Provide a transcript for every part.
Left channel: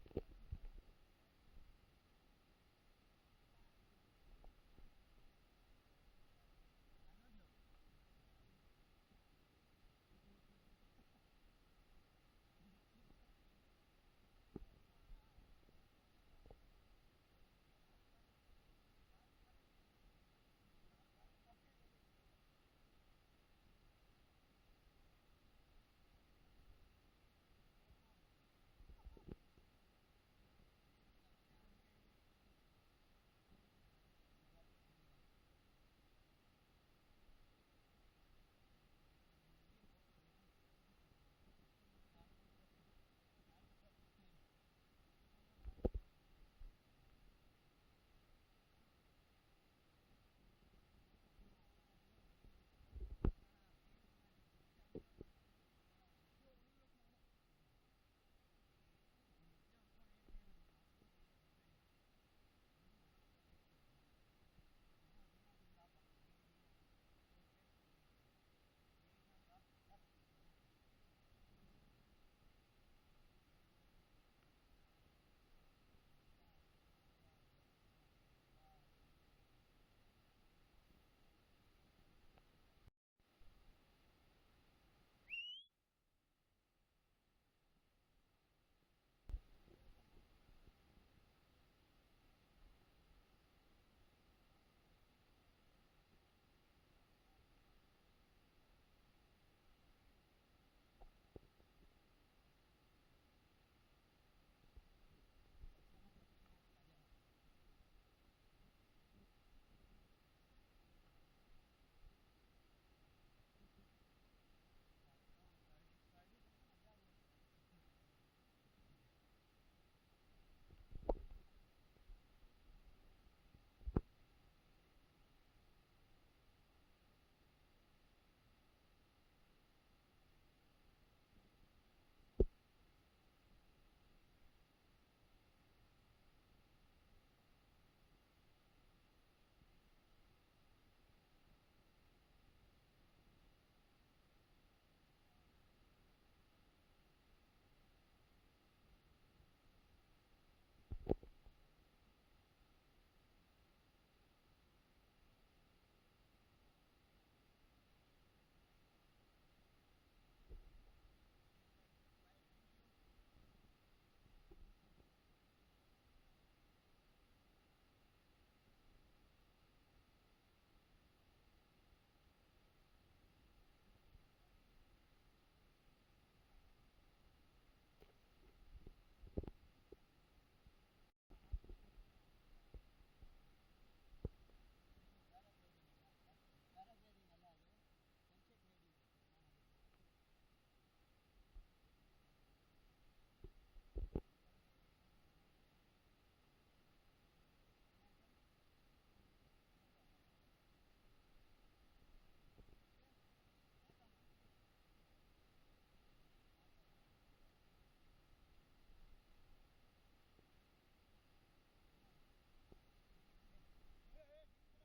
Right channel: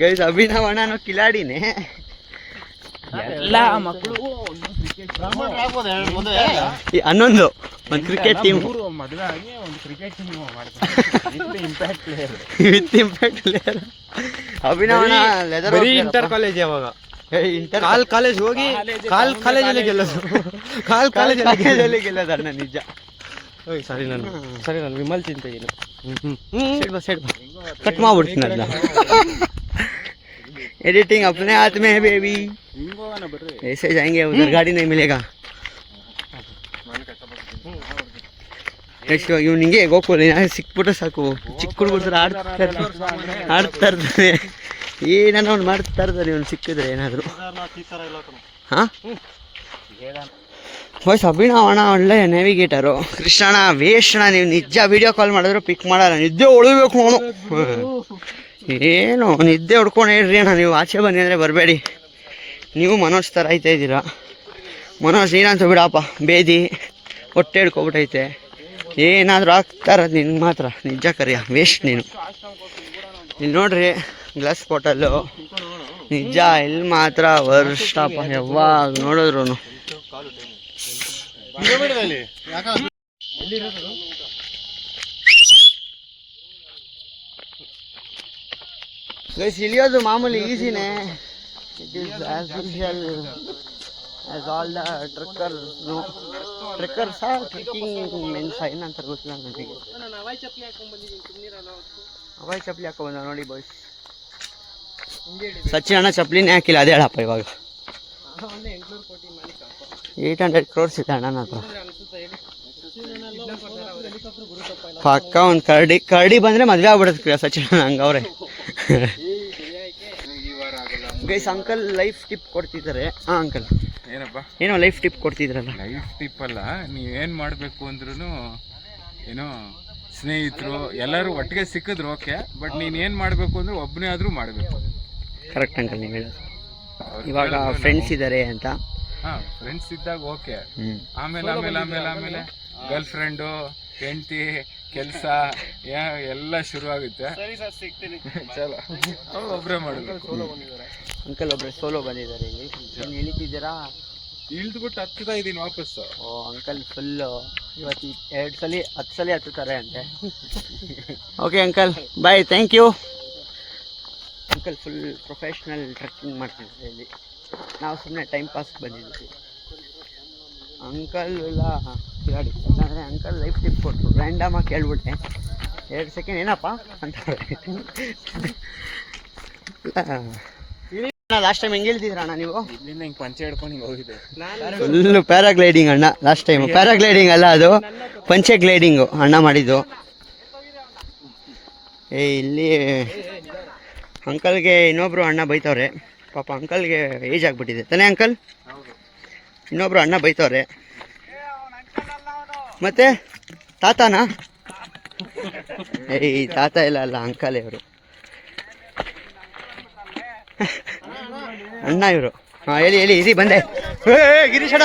Guys Abhinav ಅಣ್ಣನು ಕಿಲಾಡಿನೇ. ಎಲ್ಲ ಮಕ್ಕಳು ಹನ್ನೊಂದು ಒಂದು ಕ್ರಿಕೆಟ್ ಟೀಮ್ ಮದುವೆ ಆಗಿ ಒಂದು cricket team impact player with impact player. Abhinav ಅಣ್ಣ ಲೆದರ್ ಇಂಟರ್ ಕಾಲೇಜ್ ಯಾವಾಗ ಇಂಟರ್ ಕಾಲೇಜ್ ಹೋಗಿ ಕಾಲೇಜಲ್ಲಿ ಗೆಲ್ಲೋದು ಕಾಲೇಜಲ್ಲಿ ಗೆಲ್ಲೋದು ಅಣ್ಣ ನಿಜ. ಸರಿ ನಾನು ವಿಮಲ್ ಚಿಂತೆಗಿನ कट ಮಾಡ್ಬಿಡ್ತೀನಿ ಅದನ್ನ. एडिटिंग अपने हाथ में है बेबी, ऐसे जाएंगे उधर गाड़ी नहीं मिलेगा. ನೆಕ್ಸ್ಟ್ ಇವ್ನು ಹಿಂಗೆ ಗೋಕುಲ್ ಸಿಕ್ಬಿಟ್ರೆ ಸಾಕು, ಚಿಕ್ಕ ಹುಡುಗರು ಆಡ್ತಾ ಇರ್ತಾನೆ, ಏನಾನ ಅವ್ನು ಮಾಡ್ತಾ ಇರ್ತಾನೆ ಇವ್ನು ಸಿಕ್ಕಿದ್ರೆ ಏನಾದರೂ. ಹಾಂ ವಾಯ್ಸ್ ಅಭಿನವ್ ಅಣ್ಣ ಒಳ್ಳೆ ನ್ಯಾವಿಗೇಟರು. ಕೃಷ್ಣಣ್ಣ ವೇಸ್ಟ್ ಅಣ್ಣ, ನೀವು ನಿಜ ವೀಡಿಯೋ ಕಾಲ್ ಮಾಡಿದ್ರು ಪಿಕ್ ಮಾಡಲ್ಲ, ನಿದ್ದೆ ಉಳಿಬೇಕು ಅವನು. ಏನು ನಿದ್ದೆ ಹೊಡ್ಕೊಂಡು ಹೇಳ್ರಿ ಅಣ್ಣ, ನೀವು ಆಚೆ ಬನ್ನಿ ಅಂದರೆ ಬರಬೇಡಿ. ನೀವು ಮನೋಜ್ ಥರ ಆಯ್ತಾ ಇದ್ದೀರಾ. ಮನೋಜ್ ನೀನಂತ ಬಿಡಪ್ಪ, ಬೇದಿ ಹೊಟ್ಟೆ ಹಿಡ್ಕೊಬಿಟ್ಟೈತೆ, ಏನಾದರೂ ಆಗ್ತಾರದು ನಿನ್ಗೆ ಮಾತ್ರ. ನಿಜ ಕರಿಯ ವೇಸ್ಟ್ ನೀನು. ಇಲ್ಲಿ ನೋಡ್ರಿ ಗ್ಲಾಸ್ ಬಾಟಲ್ಲು, ನಿಜ ಇಲ್ಲಿ ಮಾತ್ರ ವರ್ಷ್ಟಪ್ಪ, ಯಾವಾಗ ನೋಡಿದ್ರು. ಗೈಸ್ ಇಳಿಯೋದು ಮಾಮೂಲಿ ಈಸಿನೇ. It is as usual as all the trekkers are trekking means ಏನಂತ ಗೊತ್ತಿಲ್ಲ ನನಗೆ. ಹವಾಯಿ ಚಪ್ಪಲಿ ಹಾಕೋ ಬಂದ ನೋಡಿ ಬಾಯ್ಸ್. ಸಚಿನ್ ಅಣ್ಣ ಚಪ್ಪಲಿನೇ ಹಾಕಿಲ್ಲ, ಅದೇ ಹೇಳಪ್ಪ ಇವಾಗ. 800 crores ಇದೆ ಅಣ್ಣ ಹತ್ರ. ಪಕ್ಕ ಒಂದು ಕರಡಿ ಬಂದರೆ ಮದುವೆ ಆಗ್ಬಿಡುತ್ತೆ ಸಚಿನ್ ಅಣ್ಣ, ಹಂಗವ್ರೆ. ಗೈಸ್ ಅಂಕಲ್ ಲೈಫ್ ಟಿಪ್ ಕೊಡ್ತಿದ್ದಾರೆ. ಹಾಂ ಅಂಕಲ್ ಏನಪ್ಪ, ಏನೋ ಲೈಫ್ ಟಿಪ್ ಕೊಡ್ತಿದ್ರಲ್ಲ. ಲೈಫ್ ಟಿಪ್ ಅಲ್ಲ, ನೀವೇನು ಮಾಡಬೇಕು ಅಂದ್ರೂ ಏನೋ ಸ್ನೇಹಿತರು ಎಲ್ಲರೂ ಒಟ್ಟಿಗೆ ಸಿಕ್ಕಿದ್ರು ಓಕೆ, ಬಟ್ ನೀನು ಏನು ಮಾಡಬೇಕು ಅಂದ್ರೆ ಒಬ್ಬನೇ ಆದರೂ ಮಾಡಬೇಕು. ಕರೆಕ್ಟ್ ಅಂಕಲ್ ನೀವು ಹೇಳೋದು. ಇವಾಗ ಫ್ರೆಂಡ್ಸ್ ಇದ್ದಾರೆ ಅಂತ. ಹಾಂ ಫ್ರೆಂಡ್ಸ್ ಇದ್ದಾಗ ಓಕೆ, ಆಮೇಲೆ ಗರ್ಲ್ ಫ್ರೆಂಡು, ಹೆಂಡತಿ, ಕೆಲಸ ಎಲ್ಲ ಶುರು ಆಗುತ್ತೆ. ಚಲೋ ಅವ್ರು ಒಬ್ಬರೇ ಮಾಡಬೇಕು. ಅಂಕಲ್ ಒಬ್ಬರೇ ಸೋಲೋ ಬಂದಿದ್ದಾರೆ ಇಲ್ಲಿ. ಏನು ಇಳಿತಿದ್ದೀರಾ? ಇಳಿದ್ಬಿಟ್ಟು ಹತ್ತುತ್ತಾ ಇದ್ದೀನಿ ವಾಪಸ್ಸು. ಓ ಅಂಕಲ್ ಫುಲ್ಲು ಇವತ್ತು 10 ಸಲ ಹತ್ತುತ್ತಾರೆ ಅಂತೆ. Okay uncle bye, thank you. Uncle full professional trekking ಮಾಡ್ತಿದ್ದಾರೆ ಇಲ್ಲಿ. ನಾವು ಸುಮ್ಮನೆ ಟೈಮ್ ಪಾಸ್ ಬಂದಿದ್ದೀವಿ. ಅಂಕಲ್ ಎಲ್ಲ ಗಾಡಿ ಯಾಕಂದರೆ ಅಂಕಲ್ ಲೈಫ್ ಟಿಪ್ ಕೊಟ್ಟರು. ರ್ಯಾಂಡಮಾಗಿ ಕೇಳ್ಬಿಟ್ಟೆ, 2 ಸೆಕೆಂಡ್ ಏನಪ್ಪ ಅಂತಾರೆ. ಲಾಸ್ಟ್ ಟೈಮ್ ಹೆಂಗೆ ಹೇಳ್ತಿದ್ರ ಅಣ್ಣ ನೀವು? ಇಲ್ಲಿಂದ ಹಿಂಗೆ ಪಂಚೆ ಹಿಡ್ಕೊಂಡು ಹಿಂಗೆ ಹೋಗಿದ್ದೆ. ಫುಲ್ಲು ಪ್ಯಾರಾಗ್ಲೈಡಿಂಗ್ ಅಣ್ಣ ಲಾಸ್ಟ್ ಟೈಮು. ಪ್ಯಾರಾಗ್ಲೈಡಿಂಗ್ ಅಲ್ಲ, ಅದು ಪಂಚೆ ಗ್ಲೈಡಿಂಗು ಅಣ್ಣ ಮಾಡಿದ್ದು. ಇಲ್ಲಿ ಅಂಕಲ್ಗೆ ಇನ್ನೊಬ್ರು ಅಣ್ಣ ಬೈತವ್ರೆ ಪಾಪ. ಅಂಕಲ್ಗೆ ಏಜ್ ಆಗಿಬಿಟ್ಟಿದೆ ತಾನೇ ಅಂಕಲ್? ಇನ್ನೊಬ್ರು ಅಣ್ಣ ಬೈತವ್ರೆ. ಮತ್ತೆ ತಾತನಾ? ತಾತ ಇಲ್ಲ ಅಲ್ಲ, ಅಂಕಲ್ ಇವರು, ಅಣ್ಣ ಇವರು. ಹಾಂ ಹೇಳಿ ಇರಿ ಬಂದೆ. ಗಿರೀಶ್ ಅಣ್ಣ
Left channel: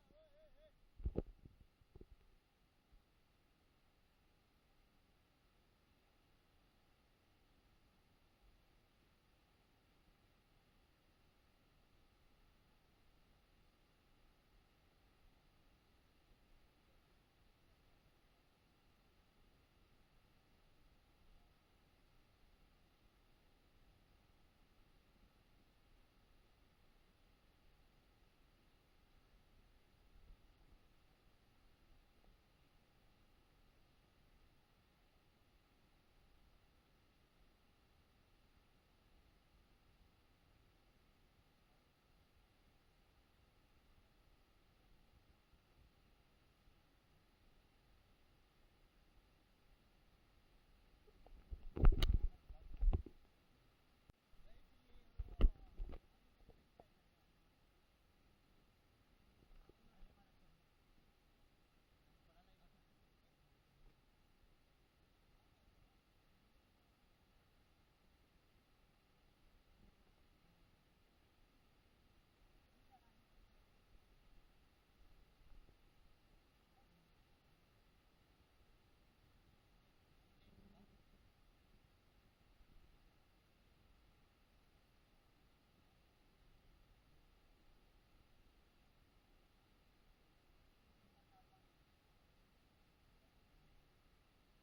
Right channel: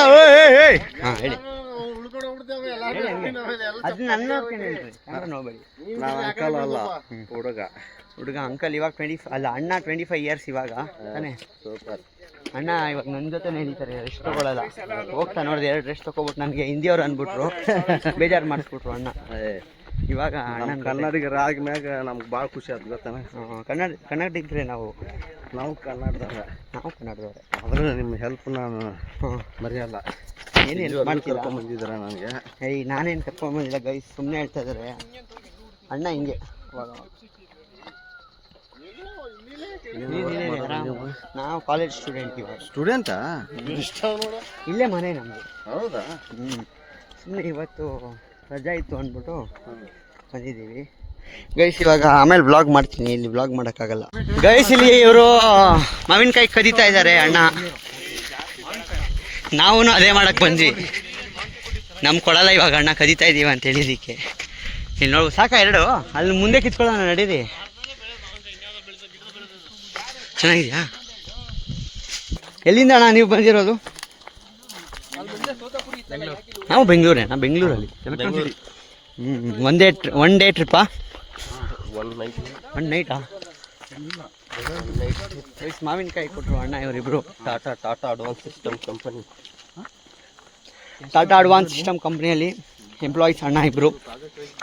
ಹಾಂ ಹೇಳಿ. ಅದು ನನ್ನ ಹೇಳ್ರಿ, ನೋಡ್ಬೇಡಿ. ನಾವು ಅಂಕಲ್ ಅಲ್ಲ, ಹುಡುಗ ಅಂಕಲ್ ಇವಾಗ 25 ಅಲ್ಲ, ಅಣ್ಣ 25 ಇಯರ್ಸ್ ಇವಾಗ ತಾನೇ. ಸೂಪರ್ ಅಣ್ಣ ಇವಾಗ ನನ್ನ ಜೊತೆ ನಡೀತಾರೆ, ರೆಸ್ಟ್ ತೊಗೊಳಲ್ಲ. ಹೋಗ್ತಾ ನೋಡಿದೆ 2 ರೆಸ್ಟ್ ತೊಗೊಬಿಟ್ಟು ನನಗೆ ಹಿಂದಿಯವ್ರು ಅಂದ್ಬಿಟ್ರು, ಬೇಜಾರು ಮಾಡಿಸ್ಬಿಟ್ರು ಅಣ್ಣ. ಇವಾಗ ಅಣ್ಣ ಕನ್ನಡಿಗರ ಆದ್ಮ್ಯಾಗ ನಮ್ಗೆ ಭಾಳ ಖುಷಿ ಆಯ್ತು ಗೊತ್ತಾನೆ. ಕನ್ನಡಿಗರೇ ನಾವು ಕನ್ನಡದವ್ರೆ. ಆದ್ರೆ ನಿಮ್ಮ ಹೆಲ್ಪ್ ನಾನು ಮರೆಯಲ್ಲ. ಏನು ಹೆಲ್ಪ್ ಮಾಡ್ತೀರಾ? ಬಂದಿದ್ದಾರೆ ನನಗೆ. ನಾನೇನು ಕರ್ಕೊಂಬಂದಿಲ್ಲ ಗೈಸ್, ಸುಮ್ಮನೆ ಹೇಳ್ತಾ ಇದ್ದಾರೆ ಅಣ್ಣ ಹಿಂಗೆ. ನಾವು ಕಾಲೇಜ್ ಸ್ಟೂಡೆಂಟ್ ಇವಾಗ. ಸ್ಟೂಡೆಂಟಾ? ಇಲ್ಲೇ ಮನೆ ನಮ್ಮದು. ಹೌದಾ? ಸುಮ್ಮನೆ ಇವತ್ತು ರಜಾ ಇತ್ತು ಅಂದ್ಬಿಟ್ಟು ಬಂದಿದ್ದೀವಿ ಗೈಸ್. ಇವಾಗ ಆಮೇಲೆ ವ್ಲಾಗ್ ಮಾಡ್ತೀನಿ, ಇಲ್ಲಿ ವ್ಲಾಗ್ ಮಾಡೋಕ್ಕಾಗಲ್ಲ ಗೈಸ್. ಇಲ್ಲಿ ಇವರು ಮಾವಿನಕಾಯಿ ಕದೀತಾ ಇದ್ದಾರೆ ಅಣ್ಣ. ನಾವು ಅದೇ ಮಾಡಕ್ಕೆ ಬಂದ್ವಿ, ನಮ್ಗೆ ಕೊಡಲ್ಲ ಇವಾಗ ಅಣ್ಣ, ಕದೀತಾ ಇದ್ದೀವಿ ಅಂತ ಹೇಳಿದ್ದಕ್ಕೆ. ಇಲ್ಲಿ ನೋಡು ಸಾಕಾ 2 ಅಲ್ಲಿ ಮುಂದೆ ಕಿತ್ಕೊಳ್ಳೋಣ, ನಡೀರಿ. ಚೆನ್ನಾಗಿದೆಯಾ? ಎಲ್ಲಿಂದ ಅಣ್ಣ ನೀವು ಬಂದಿರೋದು? ನಾವು ಬೆಂಗಳೂರೇನಾ? ಬೆಂಗಳೂರಲ್ಲಿ ಒನ್ ಡೇ ಟ್ರಿಪ್ಪಾ? 1 ನೈಟಾ? ಮಾವಿನಕಾಯಿ ಕೊಟ್ಟರು ಅಣ್ಣ ಇವರಿಬ್ರು. Tata advance system company. Tata advance system ಕಂಪ್ನಿಯಲ್ಲಿ ಎಂಪ್ಲಾಯೀಸ್ ಅಣ್ಣ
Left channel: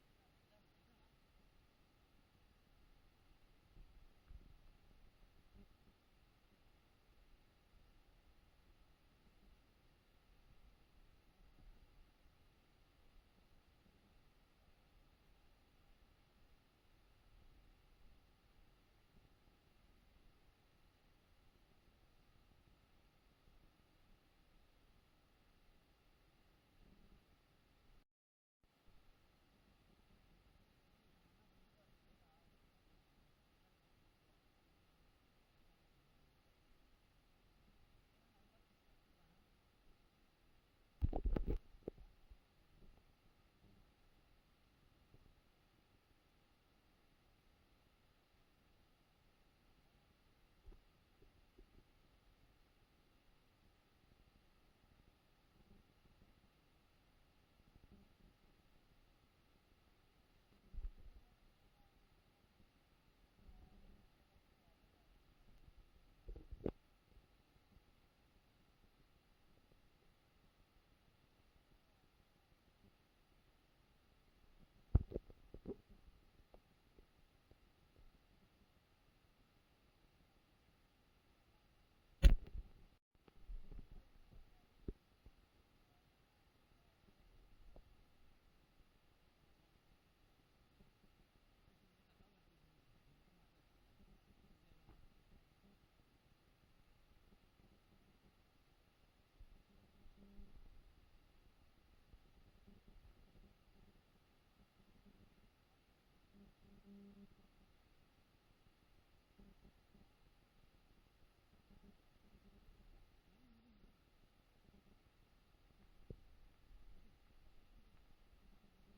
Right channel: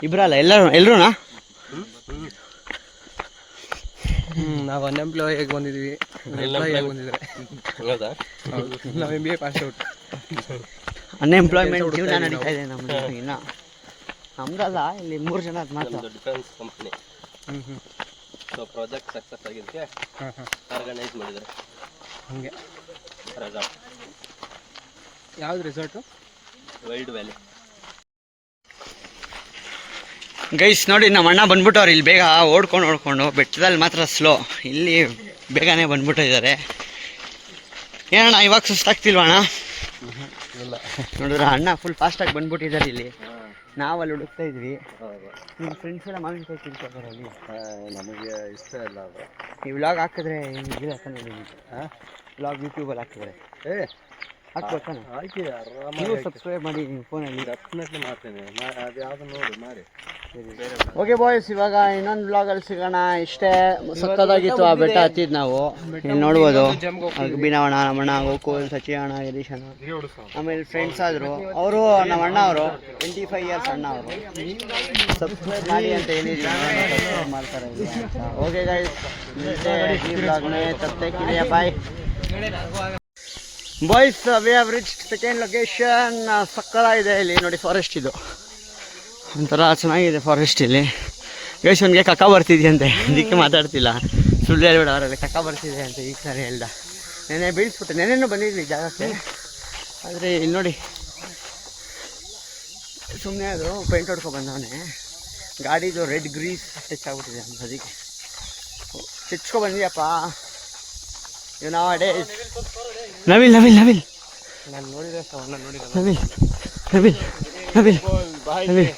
ಇಬ್ಬರಲ್ಲ ಎಲ್ಲರೂ ನಾವು ಅನ್ಎಂಪ್ಲಾಯ್ ಆಗಿ ಬಂದಿದ್ವಿ, ಎಂಪ್ಲಾಯ್ ಆಗಿ ಬಂದಿದ್ರೆ. ಹೌದಾ? ನಾವು MBA ಪಾಸ್ ಔಟ್. ಅನ್ಎಂಪ್ಲಾಯ್ಮೆಂಟ್ ಜೀವನ ನಡೀತಾ ಇದೆ ನಮ್ಮದು. ಇನ್ನು ನಮ್ದಲ್ಲ, ಇಲ್ಲಿ 3 ಜನ ಮಾತ್ರ. Defence company. So project success ಆಗಿದ್ದಕ್ಕೆ ಆರ್ಗನೈಸ್ ಮಾಡಿದ್ದಾರೆ. ಹಂಗೆ ರೆಸಾರ್ಟ್. ಯಾವ್ದು ರೆಸಾರ್ಟು? Wild valley. ಗೈಸ್ ನೋಡಿ, ನಮ್ಮ ಅಣ್ಣ ಬಂದ್ಬಿಟ್ಟವ್ರು ಇಲ್ಲಿ ಬೇಗ ಓಡ್ಕೊಂಡು ಬೆಟ್ಟದಲ್ಲಿ ಮಾತ್ರ ಸ್ಲೋ, ಇಲ್ಲಿ ಬೇಗನೆ ಬಂದ್ಬಿಟ್ಟಿದ್ದಾರೆ. ಏನಣ್ಣ ಇವಾಗ ಸುಸ್ತಾಗ್ತಿಲ್ವ ಅಣ್ಣ? ಇಲ್ಲ ನೋಡಿದ್ರ ಅಣ್ಣ ಫುಲ್ ಫಾಸ್ಟಾಗಿ ಬಂದ್ಬಿಟ್ಟಿದ್ದಾರೆ ಇಲ್ಲಿ. ನಾವಲ್ಲಿ ಹುಡುಕ್ತಾ ಇದ್ವಿ. ನಿಮ್ಮ ಫ್ರೆಂಡ್ಸ್ ಎಲ್ಲ ಮಾವಿನಕಾಯಿ ತಿಳ್ಕೊತಾರೆ ಅಲ್ಲಿ. ನಮಗೆ ಇಷ್ಟ ಇಲ್ಲ ಅದು. ಈ ವ್ಲಾಗ್ ಹಾಕಿದ್ರೆ ಹೆಂಗಿಲ್ಲ ತಾನೆ ನಿಮಗೆ? ವ್ಲಾಗ್ ಯೂಟ್ಯೂಬಲ್ಲಿ ಹಾಕಿದ್ರೆ ಹಾಕ್ಬೇಕಾನೆ? ಹಾಕಿ ಆರಾಮಾಗಿ. ನೀವು ಸಬ್ಸ್ಕ್ರೈಬ್ ಮಾಡಿ ನಿಮ್ಮ ಫೋನಲ್ಲಿ. ಡೆಫಿನೆಟ್ಲಿ ಮಾಡ್ತೀನಿ. ಅದು ಯಾವುದು ನೋಡಿ ಮಾಡಿ. ಓಕೆ ಬಾಯ್ಸ್, ಇವಾಗ ಇನ್ನೊಂದು ವ್ಲಾಗಲ್ಲಿ ಸಿಗೋಣ. ಇಷ್ಟೇ ಸಕ್ಕದಾಗಿತ್ತು ಆ ಬೆಟ್ಟ ಹತ್ತಿದ್ದು ನಾವು. ಇಲ್ಲಿ ನೋಡ್ಬೋದು ಬಿನವಣ್ಣ, ನಮ್ಮಣ್ಣ, ಗೋಕುಲ್, ಸಚಿಯಣ್ಣ, ಗಿರೀಶ್ ಅಣ್ಣ, ಆಮೇಲೆ ಫ್ರೆಂಡ್ಸ್ ಆದರು. ಅವರು ನಮ್ಮ ಅಣ್ಣ ಅವರು 25 ಇಯರ್ಸ್ ಅಣ್ಣ ಅವರು. ಸಬ್ಸ್ಕ್ರೈಬ್ ಮಾಡಿ ಅಂತ ಹೇಳಿದ್ವಿ, ಸಬ್ಸ್ಕ್ರೈಬ್ ಮಾಡ್ತಾರೆ. ಓಕೆ ಗೈಸ್, ಈ ವ್ಲಾಗ್ ಮೇ ತಬ್ ತಕ್ के लिए bye boys. We have reached second location. ಸಕ್ಕದಾಗಿದೆ ಇಲ್ಲಿ ನೋಡಿ, ಫಾರೆಸ್ಟ್ ಇದು ಒಂಥರ ಚೆನ್ನಾಗಿದೆ ಫಾರೆಸ್ಟ್ ಇಲ್ಲಿ. ಗೈಸ್ ಅವನಿಗೆ ಕಕ್ಕ ಬರ್ತಿದೆಯಂತೆ, ಅದಕ್ಕೆ ಮಾತಾಡ್ತಿಲ್ಲ. ಸುಳ್ಳು ಹೇಳ್ಬೇಡ, ಅವರಲ್ಲಿ ಕಕ್ಕ ಬರ್ತಿದೆ ಅಂತ ಈಗ ಸರಿ ಹೇಳ್ದ. ನೆನೆ ಬೀಳಿಸ್ಬಿಟ್ಟೆ. ನೆನೆನೂ ಬಂದಿದ್ವಿ ಜಾಗಕ್ಕೆ, ಆದರೆ ಇಲ್ಲಿ ನೋಡಿ ಸುಮ್ಮನೆ ಅದು ಪೇಂಟ್ ಹೊಡ್ಕೊಂಡು ಬಂದವನೇ. ಗಾಡಿದು ರೆಡ್ ಗ್ರೀಸ್ ಟಚ್ ಆಗ್ಬಿಟ್ಟಿದೆ ಅಂತ, ಅದಕ್ಕೆ ಚಿಚ್ಕೊ ಬಂದಿಯಪ್ಪ. ಇವ್ ನಾವು ಅಡೇ ನವಿಲ್ ನವಿಲ್ ನವಿಲ್ ನಾನು ನೋಡಿದ್ರೆ ನವಿಲ್ ನವಿಲ್ ನವಿಲ್ ನವಿಲ್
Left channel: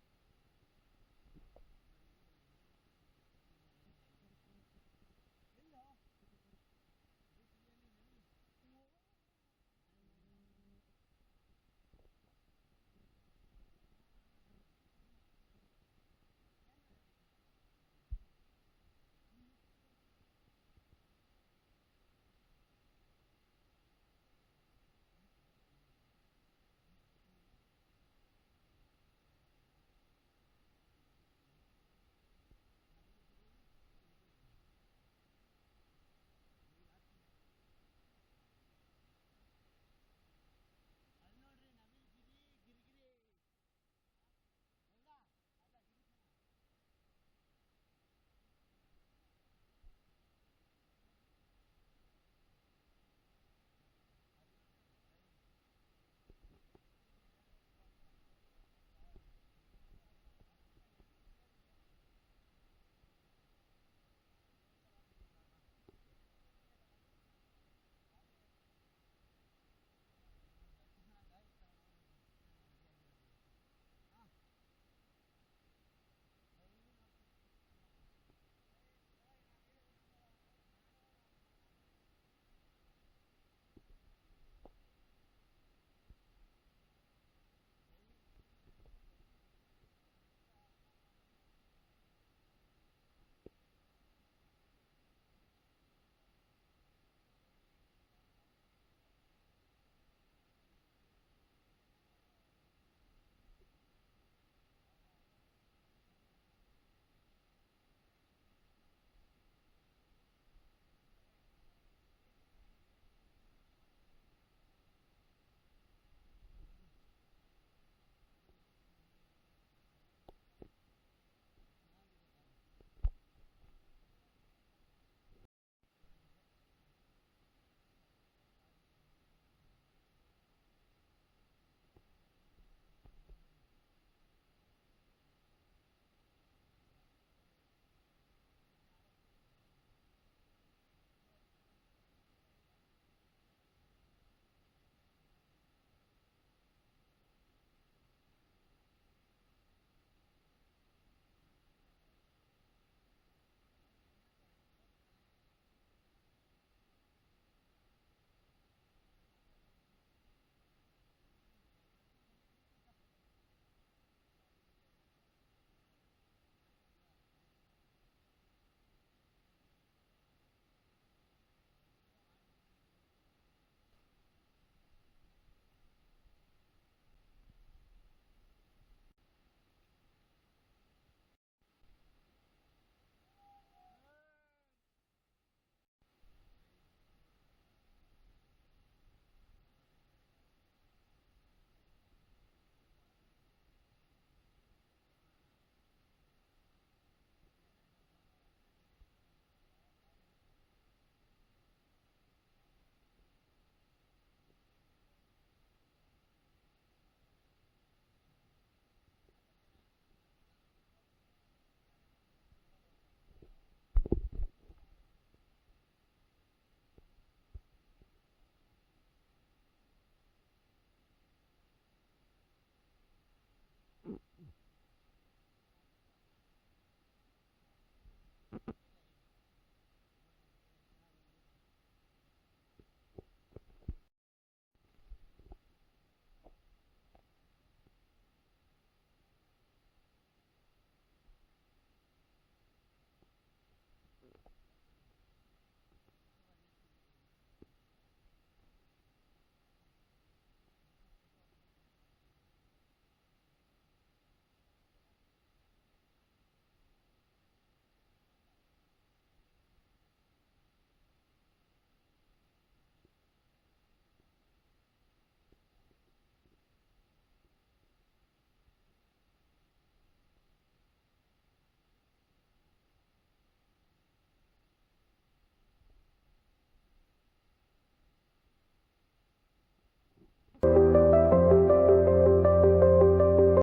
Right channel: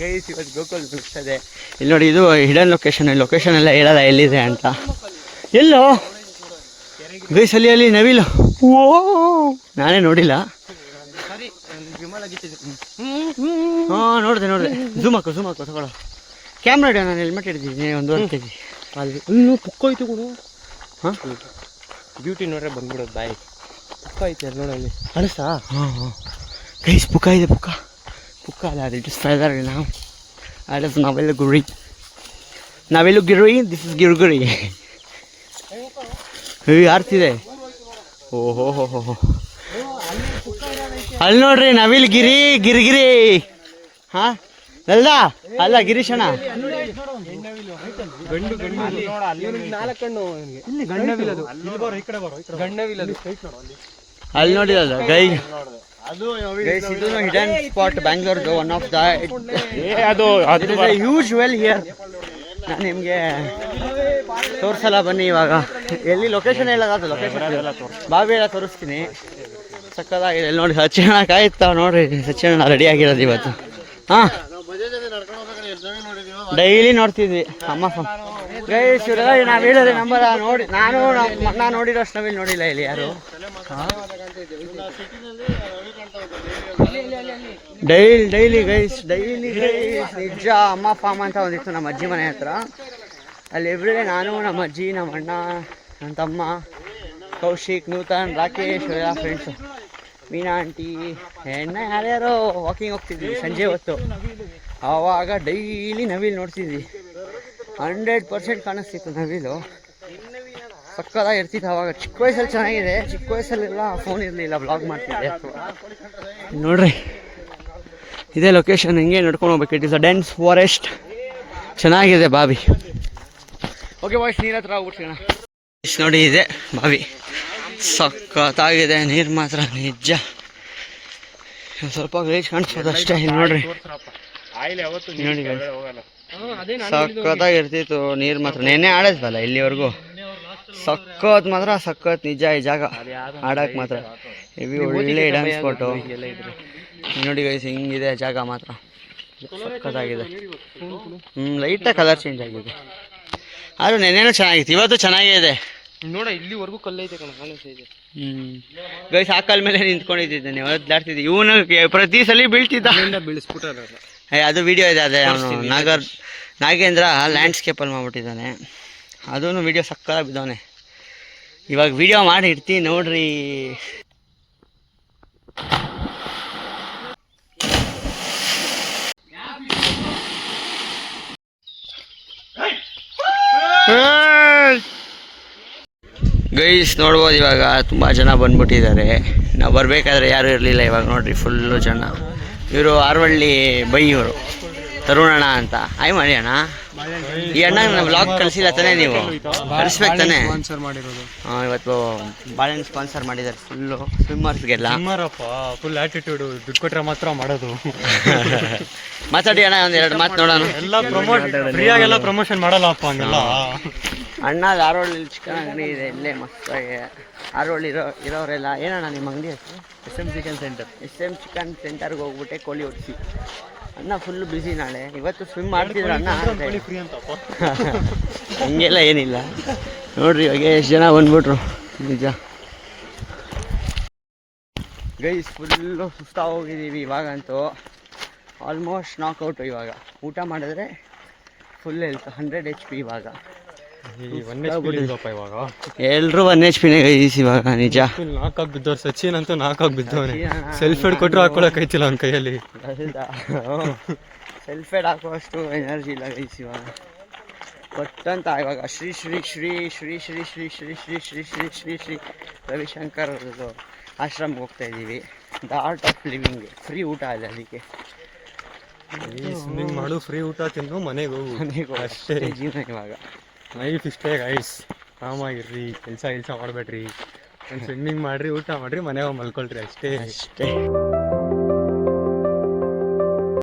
ಗೈಸ್ ಇವತ್ತು ಗೋಕುಲ್ ಮುಗಿಸ್ತದೆ. ಇಲ್ಲಿ ನೋಡಿ, ಇದು ಹಿಡನ್ ಲೊಕೇಶನ್ ಎಲ್ಲ ಹೇಳಲ್ಲ ಎಲ್ಲಿದೆ ಅಂತ. ಎಲ್ಲೋ ಗೈಸ್ ಅಲ್ಲಿ ನವಿಲು. ಓ ನಾನೇ ನೋಡಿಲ್ಲ. ಹಾಂ ನೋಡಿದೆ ಝೂಮ್ ಹಾಕು ತಗೊಳ್ಳೋ. ಕ್ಯಾಮ್ರಾ ಇಡೋ, ನಾನು ಹೆಲ್ಮೆಟ್ ಹಿಡಿದಿದ್ದೀನಿ 1.5 kg. ಅಲ್ಲಿ ಇನ್ನೂ ಪುಕ್ಕ ಐತೆ ಕೂಡ. ಹಾಂ ಬ್ಯೂಟಿ ನೋಡ್ರೆ ಬಂದ್ಬಿಡೋದು ಬಾಯಿ. ಪುಕ್ಕ ಐತೆ ಅಲ್ಲಿ ನೋಡಲ್ಲಿ ಅಳಿಸ್ತಾ? ಹಾಂ ಗೈಸ್ ಪುಕ್ಕ ಇದೆ. ಪುಕ್ಕ ಅಲ್ಲ, ಅದು ಇಟ್ ಇಸ್ ಫೆದರ್. ನಾವು ಅದು ನಾವೆಲ್ಲ ಗಿರಿ. This is ಗಿರ್ಗುರಿ. ಆರ್ತಿದೆ. ಓಹೋ ಅಲ್ಲಿ ನೋಡ್ರಿ ನವಿಲ್ ಗಿರಿಗಿರಿ. ಹಾಂ ಅಲ್ದಾ? ಅಲ್ಲ ಗಿರೀಶಣ್ಣ, ಅಲ್ಲಿ ನೋಡಿದಲ್ಲ ಗೈಸ್. ಇದು ಹಿಡನ್ ಸ್ಪಾಟ್ ಬ್ಯಾಂಗ್ಳೂರ್ದು. One of the huge well here. ನಾನು ನಿಮಗೆ ತೋರಿಸಲ್ಲ ಬನ್ನಿ ಇವಾಗ. ಎಲ್ಲಿ ಲೊಕೇಶನ್ ಹೇಳೋದು, ಲೊಕೇಶನ್ ಬಾವಿ ಎಲ್ಲ ತೋರಿಸ್ತೀನಿ. ಸಕ್ಕದಾಗಿದೆ. ಇಲ್ಲಿ ನೋಡಿ ಸಚಿನ ಕಾಯ್ತಾವ ನೋಡ್ರಿ. ಸಚಿನ ರೆಡಿ ಆಗಿರೋದು ಇವತ್ತು. ಹಾಂ ಡೈಲಿ ನೋಡ್ತಿದ್ವಿ ಅಮ್ಮ ಗೈಸ್. ಇವರೆಲ್ಲ ನಾವು ಹೇಳಿದ್ರೆ ನಂಬರ್ ನೋಡಿ. ನಾನು ನೋಡಿರೋ ಅಷ್ಟು ನವಿಲ್ ನೋಡಿಲ್ಲ ಇಲ್ಲಿ ಯಾರು. ಡೈಲಿ ಗೈಸ್ ನಿಜ. ಅಮ್ಮ ಫಾರ್ಮ್ ಅಂತ ಒಂದಿತ್ತು ನಮ್ಮ ಅಜ್ಜಿ ಮನೆ ಹತ್ರ. ಅಲ್ಲಿ ಎವ್ರಿಡೇ ನಾನು, ನಮ್ಮ ಅಜ್ಜಿ, ನಮ್ಮ ಅಣ್ಣ, ನನ್ನ ತಮ್ಮ ಕೌಶಿಕ್, ನೂತನ್, ರಾಕೇಶ್ ಎಲ್ಲ ಫ್ರೆಂಡ್ಸು, ಮೀನಾ ಆಂಟಿ, ಯಾರ್ಯಾರೋ ವಾಕಿಂಗ್ ಹೋಗ್ತಿದ್ವಿ ಸಂಜೆ ಹೊತ್ತು. ಆವಾಗ ಡೈಲಿ ನವಿಲ್ ನೋಡ್ತಿದ್ವಿ. 100% ಕಾಣಿಸ್ತಿತ್ತು ನವಿಲು. ಸಕ್ಕದಾಗಿ ಇರ್ತಿತ್ತು ಆವಾಗ. ಚಿಕ್ಕ ವಯಸ್ಸಲ್ಲಿ ಚೆನ್ನಾಗಿದೆ. ಚಿಕ್ಕ ವಯಸ್ಸಲ್ಲೆಲ್ಲ ಫೋನ್ ಇರಲಿಲ್ಲ, ಬ್ಲಾಗ್ ಮಾಡ್ತಿದ್ದೆ. ನೋಡ್ರಿ ಇದೇ ಲೊಕೇಶನ್. ಹಿಂಗೆ ನಡ್ಕೊಂಡು ಹೋಗ್ಬೇಕು. It is a dense forest. ಚೆನ್ನಾಗಿದೆ ಬಾವಿ. ಓಕೆ ಬಾಯ್ಸ್, ನೀರ ಹತ್ರ ಹೋಗ್ಬಿಡ್ತೀಣ. ನೋಡಿ ಇದೆ ಬಾವಿ. ಸಕ್ಕತ್ತಾಗಿದೆ ನೀರು ಮಾತ್ರ ನಿಜ. ಸ್ವಲ್ಪ ಗಲೀಜ್ ಕಾಣಿಸ್ಬೋದು ಅಷ್ಟೇ. ಇಲ್ಲಿ ನೋಡ್ರಿ ನೋಡಿ ಸಕ್ಕತ್ತಾಗಿರ್ತಿತ್ತು ನೀರು ಮಾತ್ರ. ನೆನ್ನೆ ಆಡಿದ್ವಲ್ಲ ಇಲ್ಲಿವರೆಗೂ. ಸಕ್ಕತ್ ಮಾತ್ರ ಸಕ್ಕತ್ ನಿಜ ಈ ಜಾಗ ಆಡಕ್ಕೆ ಮಾತ್ರ. ಹೆವಿ ಒಳ್ಳೆ ಹಿಡನ್ ಸ್ಪಾಟು. ನೋಡಿ ಗೈಸ್ ಹಿಂಗಿದೆ ಜಾಗ ಮಾತ್ರ. ಸಕ್ಕತ್ತಾಗಿದೆ. ಲೈಟಾಗಿ ಕಲರ್ ಚೇಂಜ್ ಆಗಿದೆ. ಆದರೂ ನೆನ್ನೆನೂ ಚೆನ್ನಾಗಿತ್ತು, ಇವತ್ತು ಚೆನ್ನಾಗೇ ಇದೆ. ನೋಡ ಇಲ್ಲಿವರೆಗೂ ಕಲ್ಲೈತೆ ಕಣ. ಗೈಸ್ ಆ ಕಲ್ ಮೇಲೆ ನಿಂತ್ಕೊಂಡಿದ್ದೆ, ನೀವು ಒದ್ದಾಡ್ತಿದ್ದೆ. ಇವನು ಪ್ರತಿ ಸಲ ಬೀಳ್ತಿದ್ದ. ಬೀಳಿಸ್ಬಿಟ್ಟಾರ. ಅದು ವಿಡಿಯೋ ಇದೆ, ಅದೇ ಅವನು ನಾಗೇಂದ್ರ ಲ್ಯಾಂಡ್ಸ್ಕೇಪಲ್ಲಿ ಮಾಡ್ಬಿಟ್ಟಿದ್ದಾನೆ. ಅದೂ ವಿಡಿಯೋ ಸಕ್ಕತ್ತಾಗಿ ಬಿದ್ದವನೆ. ಇವಾಗ ವಿಡಿಯೋ ಮಾಡಿ ಇಡ್ತೀನಿ ನೋಡ್ರಿ. ಗೈಸ್ ನೋಡ್ಬೋದು ಇವಾಗ ತುಂಬ ಜನ ಬಂದ್ಬಿಟ್ಟಿದ್ದಾರೆ. ನಾವು ಬರಬೇಕಾದ್ರೆ ಯಾರೂ ಇರಲಿಲ್ಲ. ಇವಾಗ ನೋಡ್ರಿ ಫುಲ್ಲು ಜನ. ಇವರು ಆರವಳ್ಳಿ ಬೈ, ಇವರು ತರುಣಣ್ಣ ಅಂತ. ಆಯ್ ಮಾಡಿ ಅಣ್ಣ. ಈ ಅಣ್ಣ ವ್ಲಾಗ್ ಕಳಿಸಿಲ್ಲ ತಾನೇ, ನೀವು ಕಳಿಸ್ಬೇಕು ತಾನೇ. ಹಾಂ, ಇವತ್ತು ಬಾಳೆಹಣ್ಣು ಸ್ಪಾನ್ಸರ್ ಮಾಡಿದ್ದಾರೆ ಫುಲ್ಲು ಸ್ವಿಮ್ಮರ್ಸ್ಗೆಲ್ಲ. ಫುಲ್ ಆಟಿಟ್ಯೂಡ್, ದುಡ್ಡು ಕೊಟ್ಟರೆ ಮಾತ್ರ ಮಾಡೋದು. ಮಾತಾಡಿ ಅಣ್ಣ, ಒಂದೆರಡು ಮಾತು ನೋಡೋಣ. ಫ್ರೀಯಾಗೆಲ್ಲ ಪ್ರಮೋಷನ್ ಮಾಡಲ್ಲಪ್ಪ ಹಂಗೆಲ್ಲ. ಅಣ್ಣ ಆರೋಳ್ಳಿ ಚಿಕನ್ ಅಂಗಡಿ ಇದೆ ಇಲ್ಲೇ ಮಸ್ತಾಗಿ. ಆರೋಳ್ಳಿ ಇರೋರೆಲ್ಲ ಏನಣ್ಣ ನಿಮ್ಮ ಅಂಗಡಿ ಹೆಸರು? SM chicken centre. SM chicken ಸೆಂಟರ್ಗೆ ಹೋಗ್ಬಿಟ್ಟೆ ಕೋಳಿ ಹೊಡಿಸಿ. ಅಣ್ಣ ಫುಲ್ಲು ಬ್ಯುಸಿ ನಾಳೆ. ಇವತ್ತು ಸ್ವಿಮ್ ಮಾಡ್ತಿದ್ರು ಅಣ್ಣ. ಹಂಗೆಲ್ಲ ಏನಿಲ್ಲ ನೋಡ್ರಿ. ಇವಾಗ ಎಷ್ಟು ಜನ ಬಂದ್ಬಿಟ್ರು ನಿಜ. ಗೈಸ್ ಫುಲ್ಲು ಸುಸ್ತಾ ಹೋಗಿದ್ದೀವಿ ಇವಾಗಂತೂ. ಆಲ್ಮೋಸ್ಟ್ ನಾಕ್ಔಟು. ಇವಾಗ ಊಟ ಮಾಡಿದ್ರೆ ಫುಲ್ ಹೆಲ್ತ್ 100 HP. ಇವಾಗ ಎಲ್ರು 1 HP ಗೈಸ್ ಇವಾಗ ನಿಜ. ನಾಲ್ಕಾಗಿ ಬಿದ್ದವ್ರು. ಸಚಿನ್ ಅಂತೂ ನಾಲ್ಕಾಗಿ ಬಿದ್ದವನೆ. ಸೆಲ್ಫ್ ಹೆಡ್ ಕೊಟ್ಟರು ಹಾಕೊಳಕೈತಿಲ್ಲ ಅವ್ನ ಕೈಯಲ್ಲಿ. ಸೆಲ್ಫ್ ಹೆಡ್ ಹಾಕುವಷ್ಟು ಎನರ್ಜಿ ಇಲ್ಲ ಗೈಸ್ ಇವಾಗ. ಕೊಟ್ಟಂತ ಇವಾಗ ಶ್ರೀ ಶ್ರೀ ಶ್ರೀ ಶ್ರೀ ಶ್ರೀ ಶ್ರೀ ಶ್ರೀ ಶ್ರೀ ಶ್ರೀ ಶ್ರೀ ಶ್ರೀ ಶ್ರೀ ರವಿಶಂಕರ್ ಆಶ್ರಮ್ಗೆ ಹೋಗ್ತಾ ಇದ್ದೀವಿ. The art of living. Free ಊಟ ಇದೆ, ಅದಕ್ಕೆ ಸ್ವಿಮ್ಮಿಂಗ್ ಮಾಡು, ಫ್ರೀ ಊಟ ತಿನ್ನು, ಮನೆಗೆ ಹೋಗು ಅಷ್ಟೇ ಜೀವನ. ಇವಾಗ ಲೈಫ್ ಇಷ್ಟೇ ಗೈಸ್. ಆರಾಮಾಗಿರ್ರಿ, ಕೆಲಸ ಮಾಡಬೇಡ್ರಿ, ಸ್ವಿಮ್ಮಿಂಗ್ ಮಾಡಿರಿ, ಊಟ ಮಾಡಿರಿ, ಮನೆಗೆ ಮಲ್ಕೊಳ್ರಿ ಅಷ್ಟೇ.